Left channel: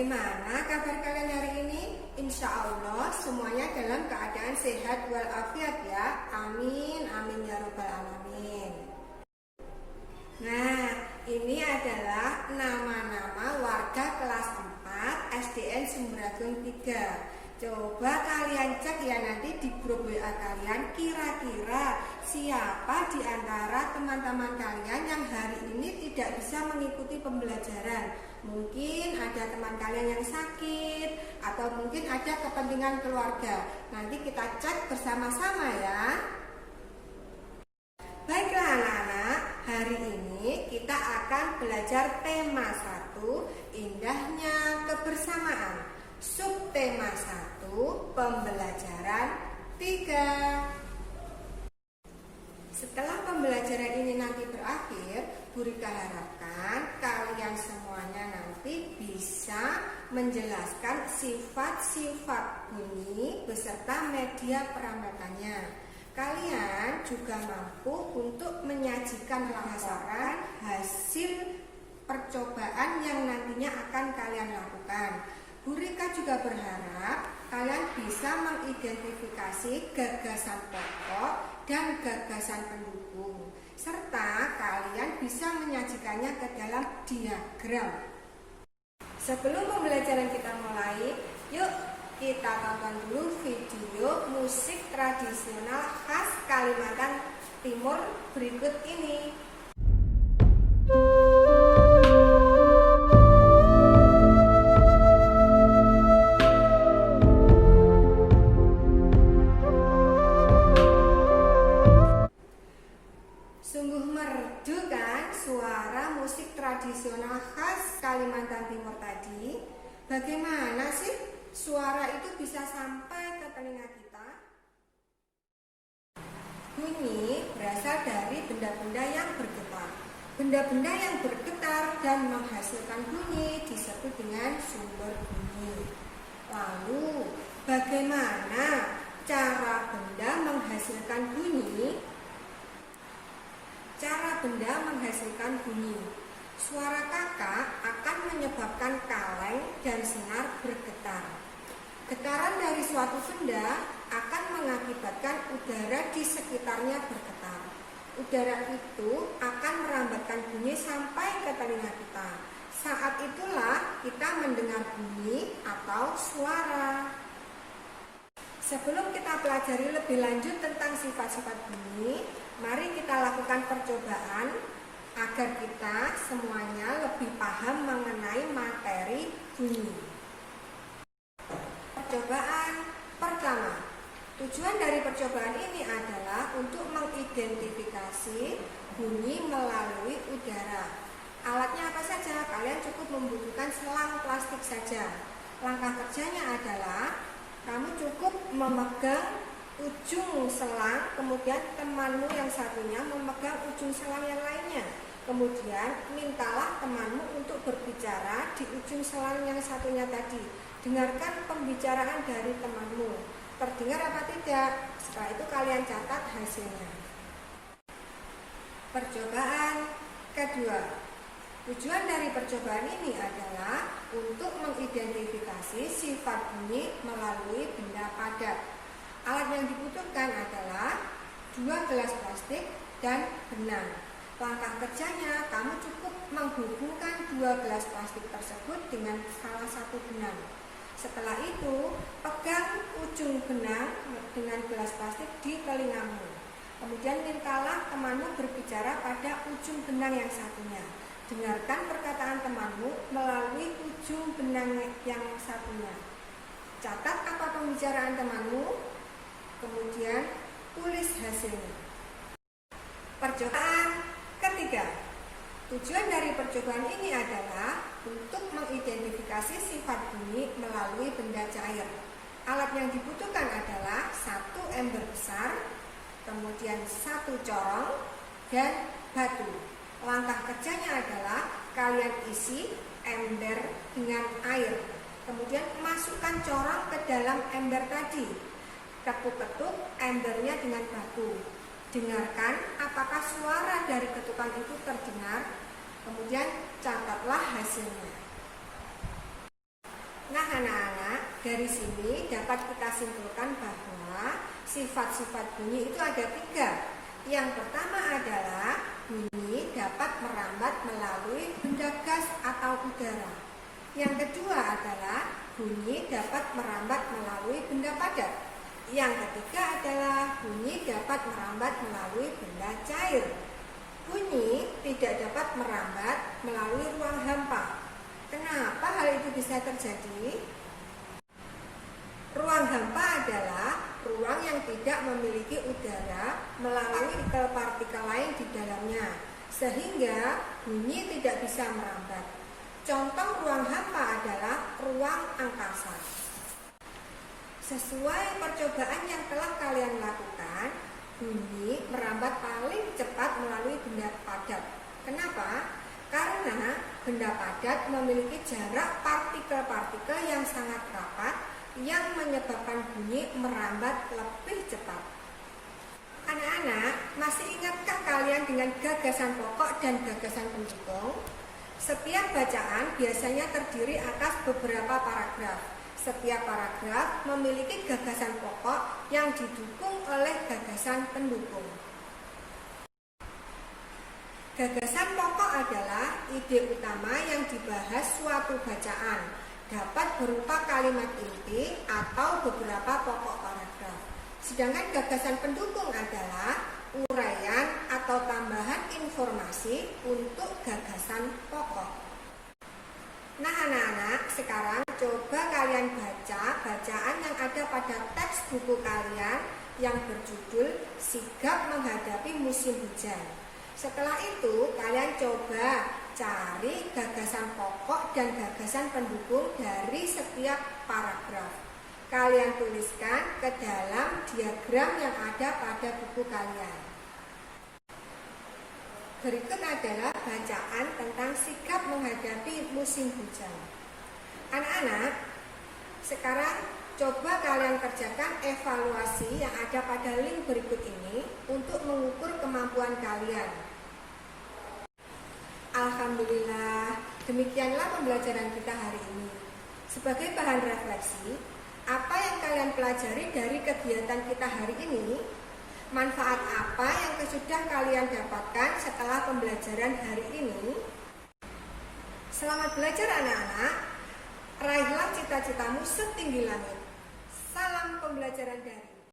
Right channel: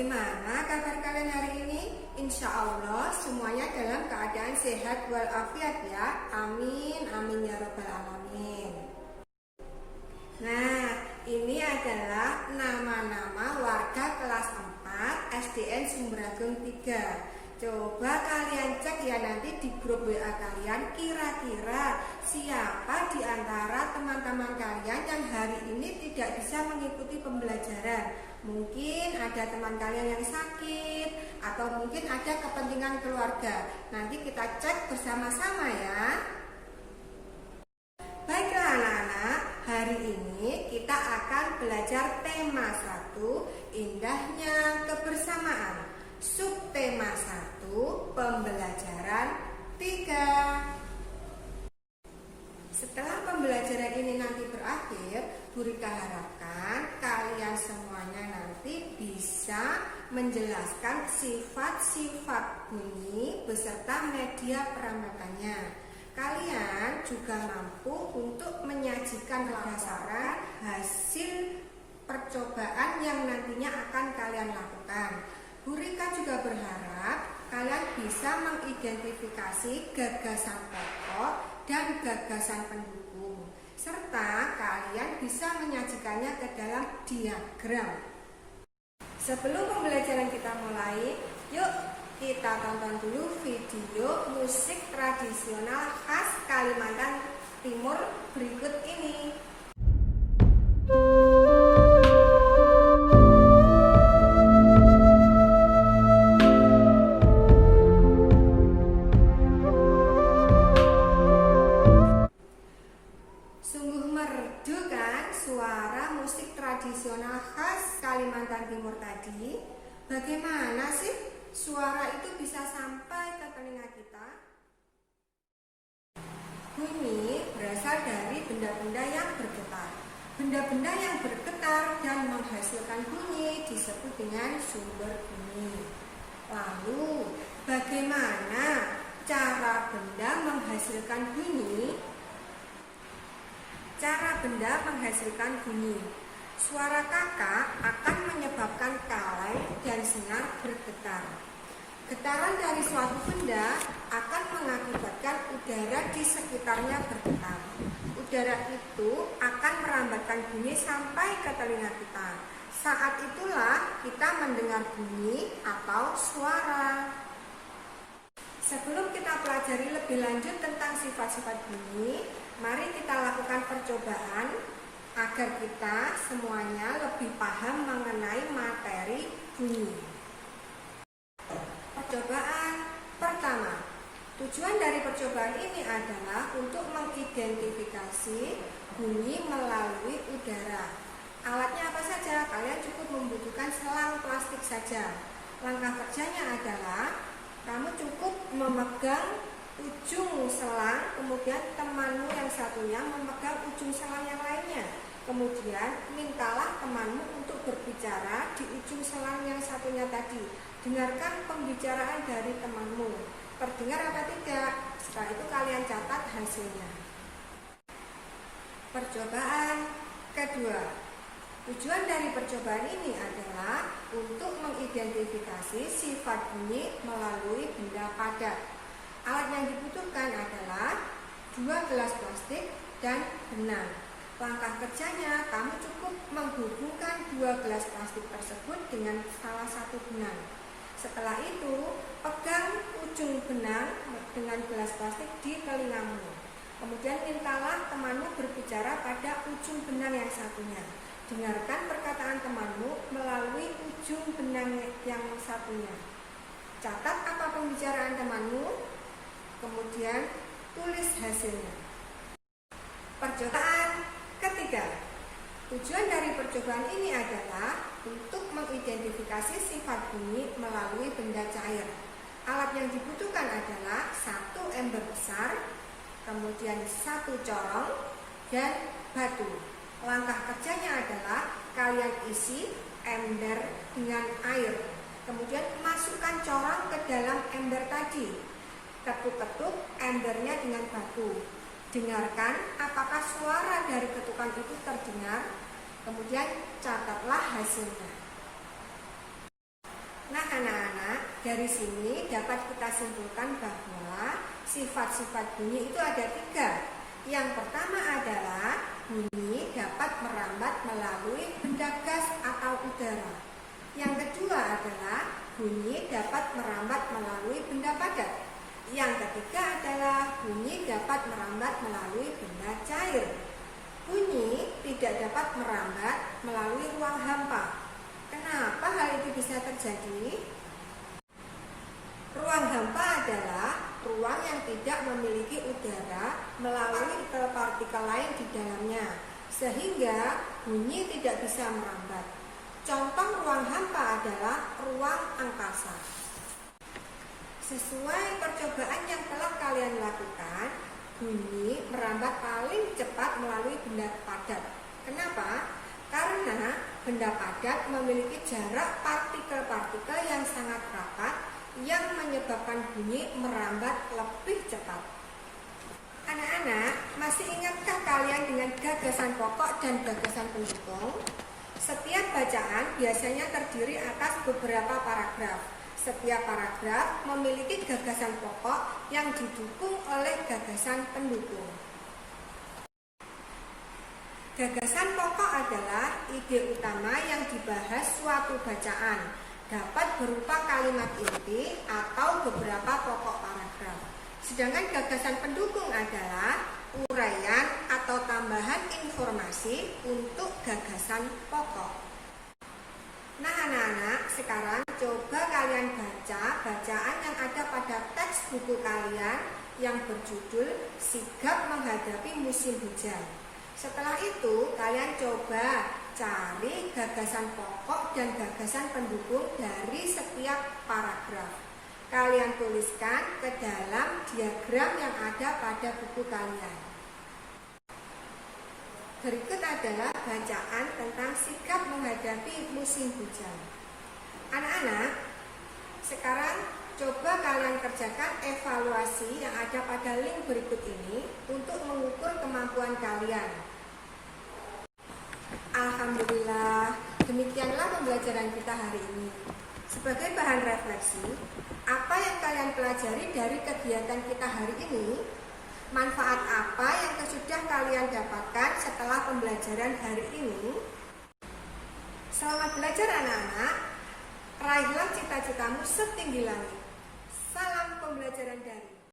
Bagaimana kabar kalian hari ini? Insya Allah semuanya dalam keadaan sehat walafiat ya. Amin, amin ya robbal alamin. Nah, ini adalah nama-nama warga kelas 4 SDN Sumberagung 3. Coba kalian cek ya nanti di grup WA kalian, kira-kira siapa di antara teman-teman kalian yang hari ini tidak bisa mengikuti pembelajaran. Mungkin ada teman kalian yang sakit, atau mungkin ada kepentingan keluarga. Nanti kita cek bersama-sama ya. Baiklah anak-anak, hari ini kita akan belajar tema 1, indahnya kebersamaan. Subtema 1, pembelajaran 3. Setelah pembelajaran ini nanti berakhir, Bu Rika harapkan kalian semuanya nanti bisa menjelaskan sifat-sifat bunyi beserta media peramekannya. Kalian juga mampu untuk menyajikan laporan hasil percobaan yang nantinya akan kalian lakukan. Bu Rika juga berharap kalian bisa mengidentifikasi gagasan pokok dan gagasan pendukung, serta kalian bisa menyajikannya ke dalam diagram. Sebelum pembelajaran kita mulai, yuk kita tonton dulu video musik tradisional khas Kalimantan Timur berikut ini. Sungguh merdu kan suara musik tradisional khas Kalimantan Timur tadi? Bagaimana sih suara itu bisa sampai ke telinga kita? Bunyi berasal dari benda-benda yang bergetar. Benda-benda yang bergetar dan menghasilkan bunyi disebut dengan sumber bunyi. Lalu, bagaimana cara benda menghasilkan bunyi? Cara benda menghasilkan bunyi. Suara kakak akan menyebabkan kaleng dan senar bergetar. Getaran dari suatu benda akan mengakibatkan udara di sekitarnya bergetar. Udara itu akan merambatkan bunyi sampai ke telinga kita. Saat itulah kita mendengar bunyi atau suara. Sebelum kita pelajari lebih lanjut tentang sifat-sifat bunyi, mari kita lakukan percobaan agar kita semuanya lebih paham mengenai materi bunyi. Percobaan pertama. Tujuan dari percobaan ini adalah untuk mengidentifikasi bunyi melalui udara. Alatnya apa saja? Kalian cukup membutuhkan selang plastik saja. Langkah kerjanya adalah kamu cukup memegang ujung selang, kemudian temanmu yang satunya memegang ujung selang yang lainnya. Kemudian mintalah temanmu untuk berbicara di ujung selang yang satunya tadi. Dengarkan pembicaraan dari temanmu. Terdengar apa tidak? Setelah itu kalian catat hasilnya. Percobaan kedua. Tujuan dari percobaan ini adalah untuk mengidentifikasi sifat bunyi melalui benda padat. Alat yang dibutuhkan adalah 2 gelas plastik dan benang. Langkah kerjanya, kamu cukup menghubungkan 2 gelas plastik tersebut dengan salah satu benang. Setelah itu, pegang ujung benang dengan gelas plastik di telingamu. Kemudian mintalah temanmu berbicara pada ujung benang yang satunya. Dengarkan perkataan temanmu melalui ujung benang yang satunya. Catat apa pembicaraan temanmu, kemudian tulis hasilnya. Percobaan ketiga. Tujuan dari percobaan ini adalah untuk mengidentifikasi sifat bunyi melalui benda cair. Alat yang dibutuhkan adalah 1 ember besar, kemudian 1 corong, dan batu. Langkah kerjanya adalah kalian isi ember dengan air. Kemudian masukkan corong ke dalam ember tadi. Ketuk-ketuk embernya dengan batu. Dengarkan apakah suara dari ketukan itu terdengar. Kemudian catatlah hasilnya. Nah anak-anak, dari sini dapat kita simpulkan bahwa sifat-sifat bunyi itu ada 3. Yang pertama adalah bunyi dapat merambat melalui benda gas atau udara. Yang kedua adalah bunyi dapat merambat melalui benda padat. Yang ketiga adalah bunyi dapat merambat melalui benda cair. Bunyi tidak dapat merambat melalui ruang hampa. Kenapa hal itu bisa terjadi? Ruang hampa adalah ruang yang tidak memiliki udara melalui partikel lain di dalamnya, sehingga bunyi tidak bisa merambat. Contoh ruang hampa adalah ruang angkasa. Sesuai percobaan yang telah kalian lakukan, bunyi merambat paling cepat melalui benda padat. Kenapa? Karena benda padat memiliki jarak partikel-partikel yang sangat rapat yang menyebabkan bunyi merambat lebih cepat. Anak-anak, masih ingatkah kalian dengan gagasan pokok dan gagasan pendukung? Setiap bacaan biasanya terdiri atas beberapa paragraf. Setiap paragraf memiliki gagasan pokok yang didukung oleh gagasan pendukung. Gagasan pokok adalah ide utama yang dibahas suatu bacaan, dapat berupa kalimat inti atau beberapa pokok paragraf. Sedangkan gagasan pendukung adalah uraian atau tambahan informasi untuk gagasan pokok. Nah anak-anak, sekarang coba kalian baca bacaan yang ada pada teks buku kalian yang berjudul Sigap Menghadapi Musim Hujan. Setelah itu, kalian coba cari gagasan pokok dan gagasan pendukung dari setiap paragraf. Kalian tuliskan ke dalam diagram yang ada pada buku kalian. Berikut adalah bacaan tentang sigap menghadapi musim hujan. Anak-anak, sekarang coba kalian kerjakan evaluasi yang ada pada link berikut ini untuk mengukur kemampuan kalian. Alhamdulillah, demikianlah pembelajaran kita hari ini. Sebagai bahan refleksi, apa yang kalian pelajari dari kegiatan kita hari ini? Manfaat apa yang sudah kalian dapatkan setelah pembelajaran hari ini? Selamat belajar anak-anak. Raihlah cita-citamu setinggi langit. Salam pembelajaran daring.